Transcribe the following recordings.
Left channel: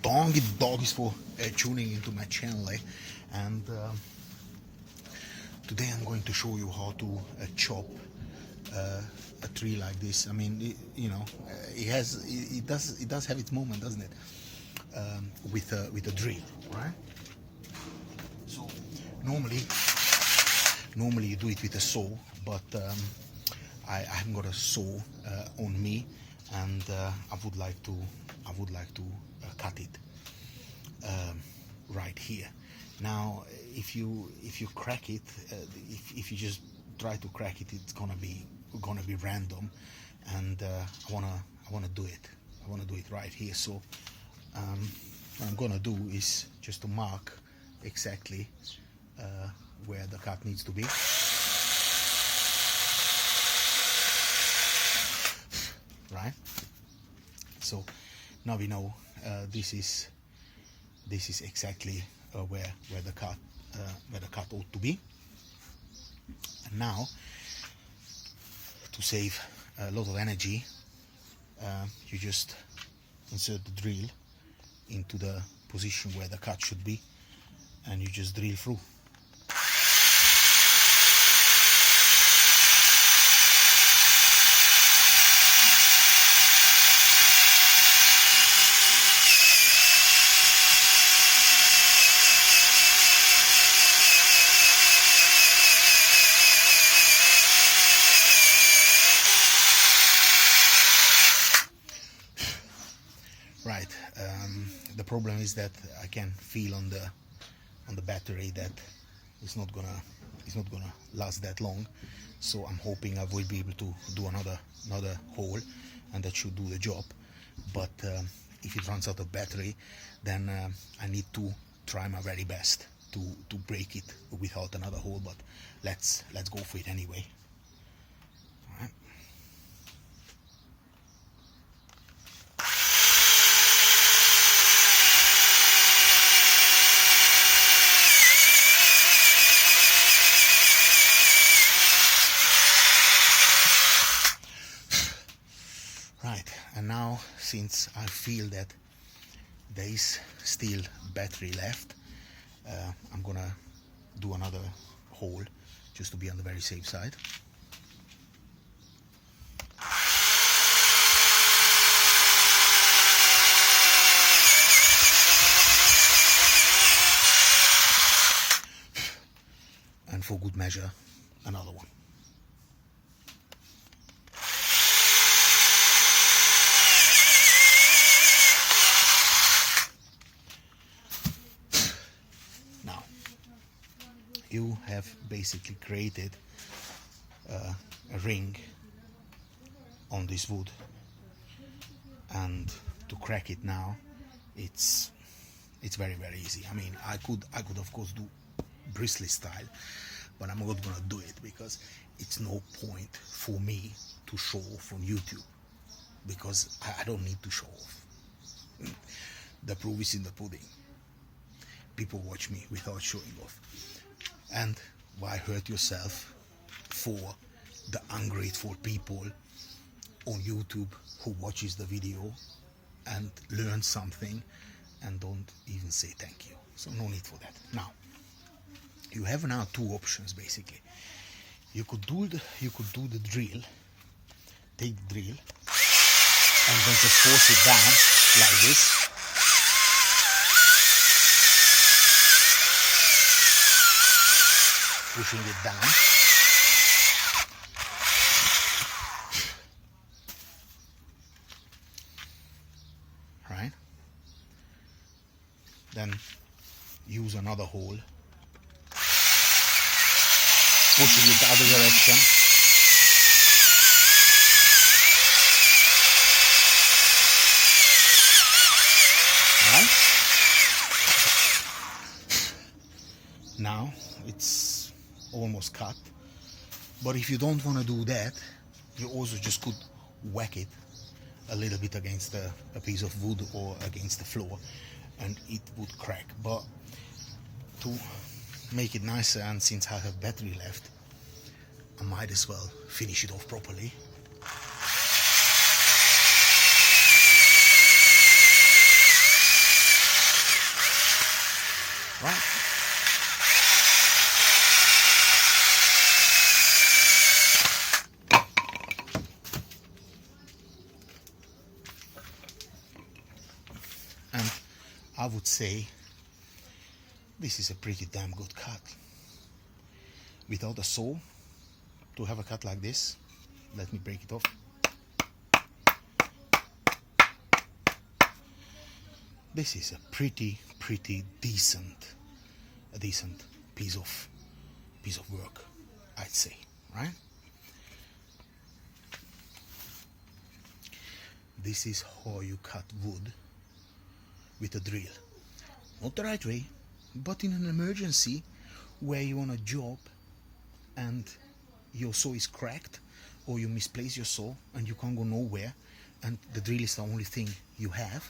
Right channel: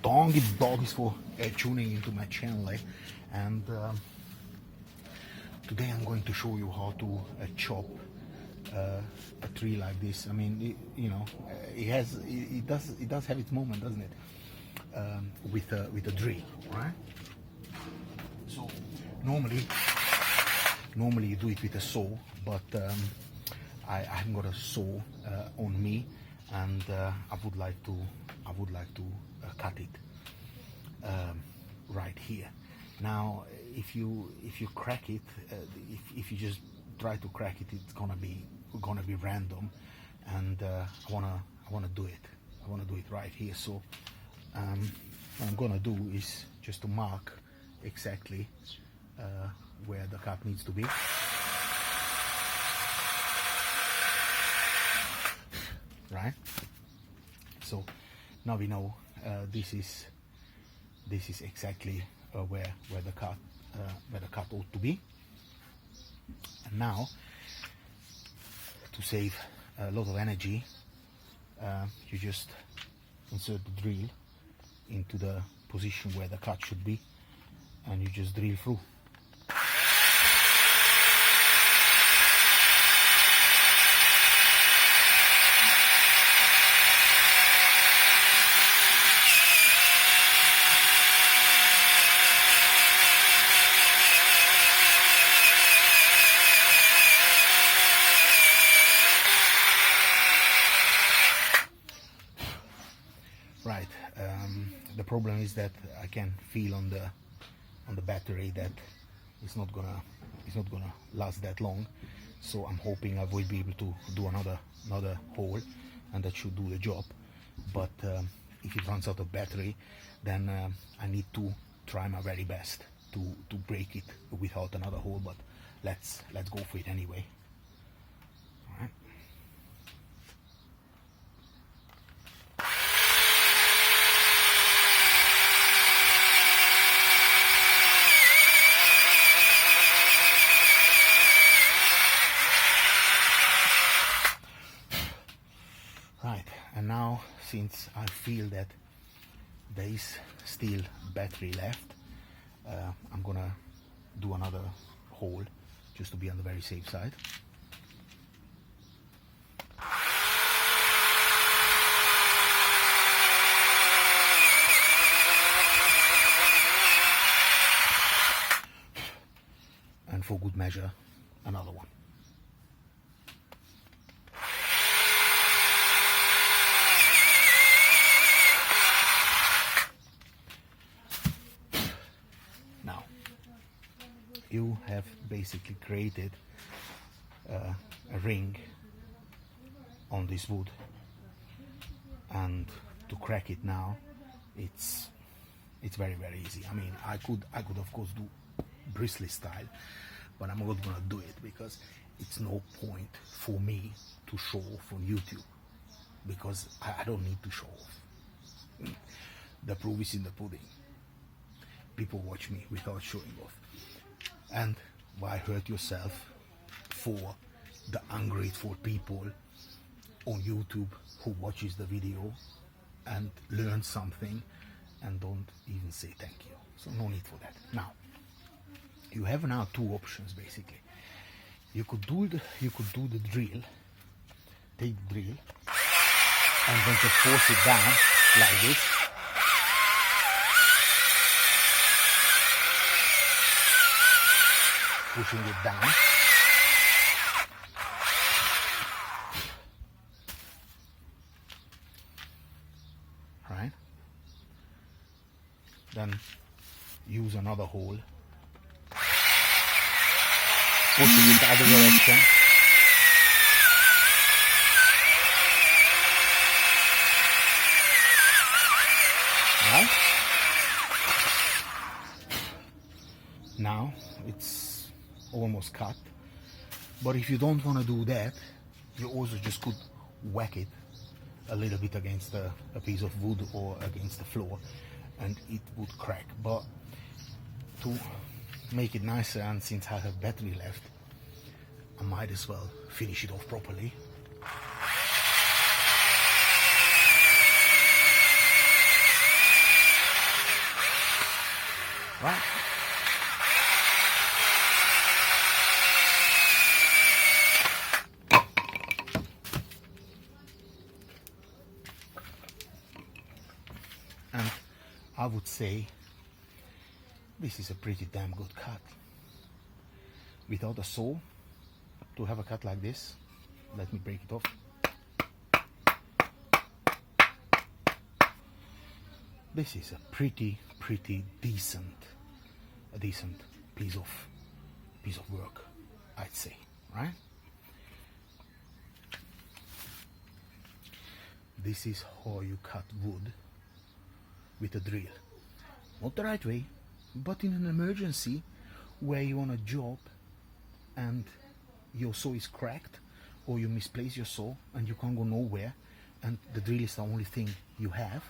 Doggies for tuning into my channel, and today I'm going to show you how to chop a tree like this. I mean, it does have its moment, doesn't it? With a drill, right? So normally you do it with a saw, but I haven't got a saw on me, and I would like to cut it right here. Now, if you crack it, if you just try to crack it, it's gonna be random, and I wanna do it. I wanna do it right here. So what I'm gonna do is just to mark exactly where the cut needs to be. Right. So now we know this is exactly where the cut ought to be. And now, to save a lot of energy, you just insert the drill into the position where the cut should be, and you just drill through. Right. The problem is that I can feel on the battery that it's not gonna last that long. So I'm hoping I will be able to do another hole, and that should do the job. But if it runs out of battery, then I need to try my very best to break it without another hole. But let's go for it anyway. All right. Right, and now, since I feel that there is still battery left, I'm gonna do another hole just to be on the very safe side. And for good measure, another one. You have basically created a ring on this wood, and to crack it now, it's very easy. I mean, I could of course do bristly style, but I'm not gonna do it because it's no point for me to show off on YouTube, because I don't need to show off. The proof is in the pudding. People watch me without showing off. And why hurt yourself for the ungrateful people on YouTube who watches the video and learn something and don't even say thank you? So no need for that. Now, you have now two options basically. You could do the drill, take the drill, and then just force it down like this. Pushing it down. Right? Then use another hole. Pushing it the other direction. Right? Now it's almost cut, but if you don't want to do that, you also just could whack it a little bit against a piece of wood or against the floor, and it would crack. But to make it nicer, and since I have battery left, I might as well finish it off properly. right? And I would say this is a pretty damn good cut. Without a saw, to have a cut like this, let me break it off. This is a pretty decent piece of work, I'd say, right? This is how you cut wood with a drill. Not the right way, but in an emergency where you're on a job and your saw is cracked, or you misplace your saw and you can't go nowhere, and the drill is the only thing you have,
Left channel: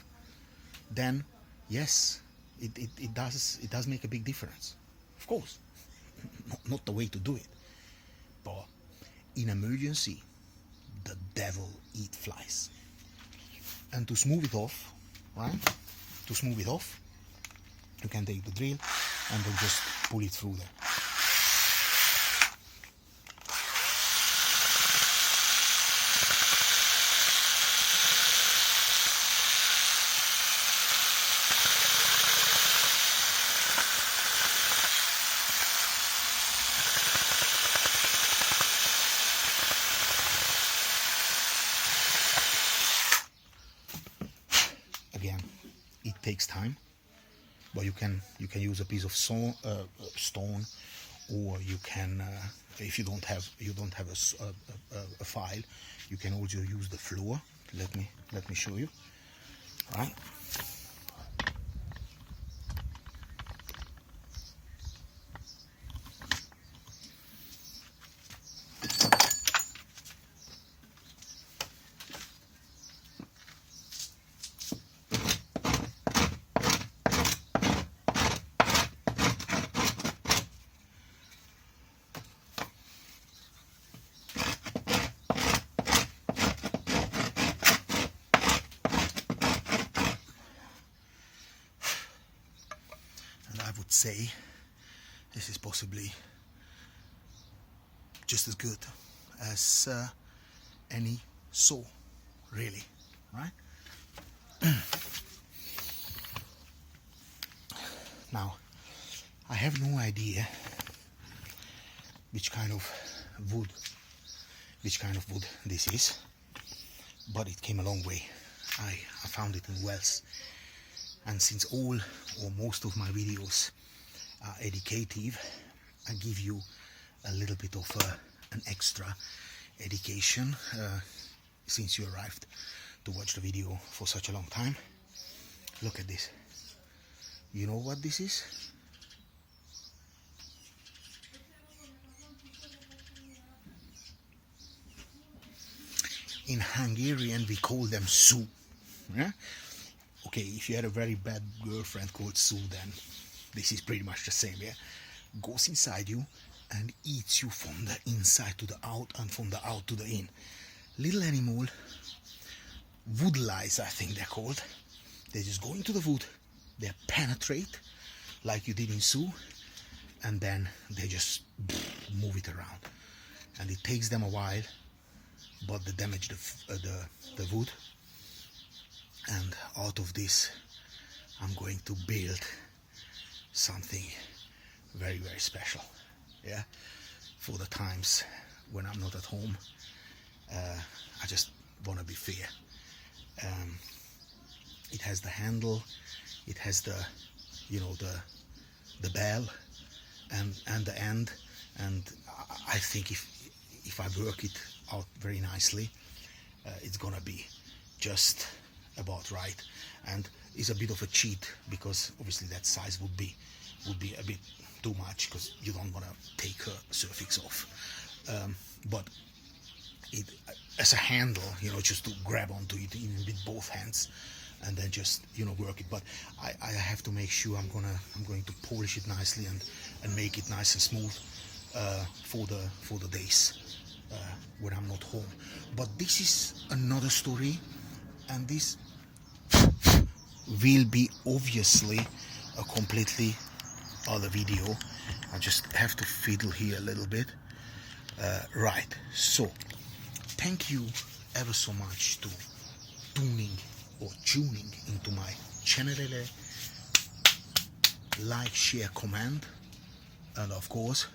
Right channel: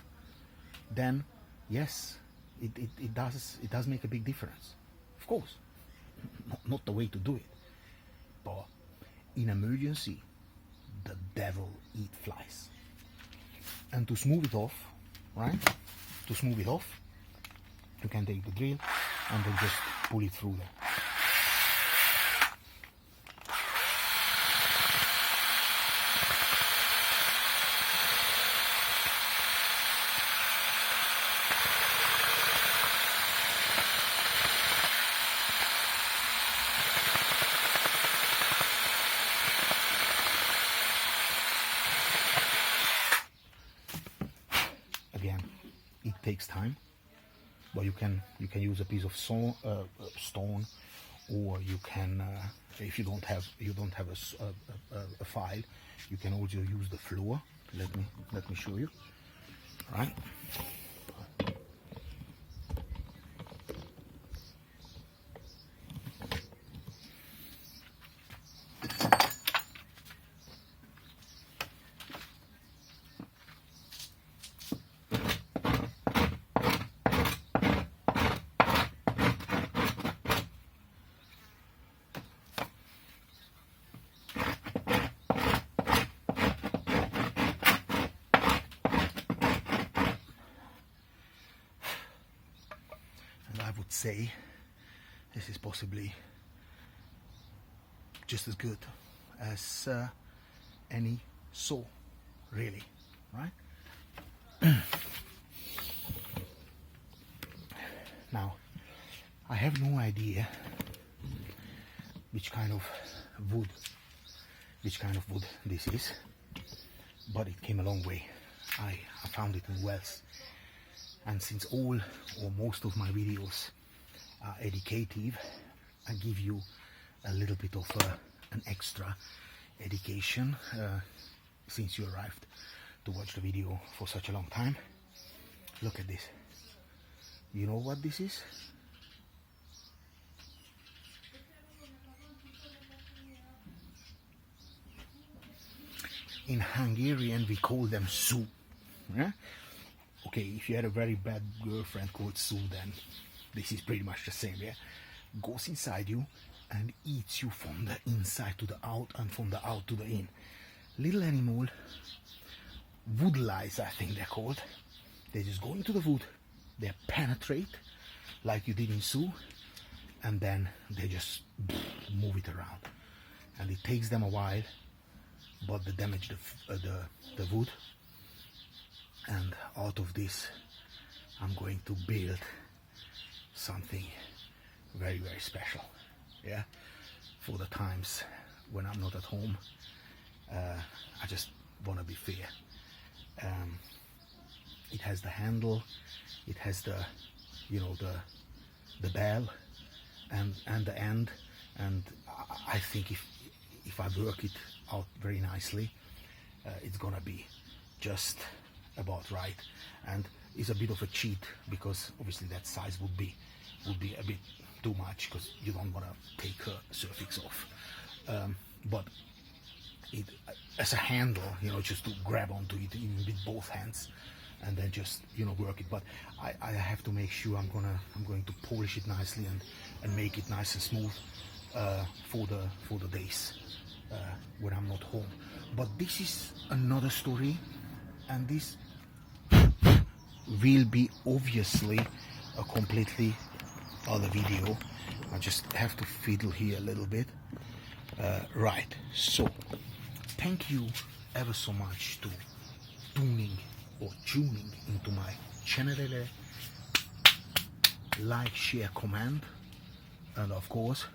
then yes, it does make a big difference. Of course, not the way to do it, but in emergency, the devil eat flies. And to smooth it off, right? To smooth it off, you can take the drill and then just pull it through there. Again, it takes time, but you can use a piece of stone, or you can, if you don't have a file, you can also use the floor. Let me show you. Right. I would say this is possibly just as good as any saw, really, right? Now, I have no idea which kind of wood this is, but it came a long way. I found it in Wales. And since all or most of my videos are educative, I give you a little bit of an extra education since you arrived to watch the video for such a long time. Look at this. You know what this is? In Hungarian we call them szú. Yeah? Okay, if you had a very bad girlfriend called Sue, then this is pretty much the same, yeah? Goes inside you and eats you from the inside to the out and from the out to the in. Little animal, wood lice I think they're called. They just go into the wood, they penetrate like you did in Sue, and then they just move it around. And it takes them a while, but they damage the wood. And out of this, I'm going to build something very, very special, yeah, for the times when I'm not at home. I just want to be fair. It has the handle, it has the, you know, the bell and the end, and I think if I work it out very nicely, it's gonna be just about right. And it's a bit of a cheat because obviously that size would be a bit too much, because you don't want to take her suffix off, but it as a handle, you know, just to grab onto it even with both hands and then just, you know, work it. But I have to make sure I'm going to polish it nicely and make it nice and smooth for the days when I'm not home. But this is another story, and this will be obviously a completely other video. I just have to fiddle here a little bit. Right, so thank you ever so much to tuning into my channel. Like, share, comment, and of course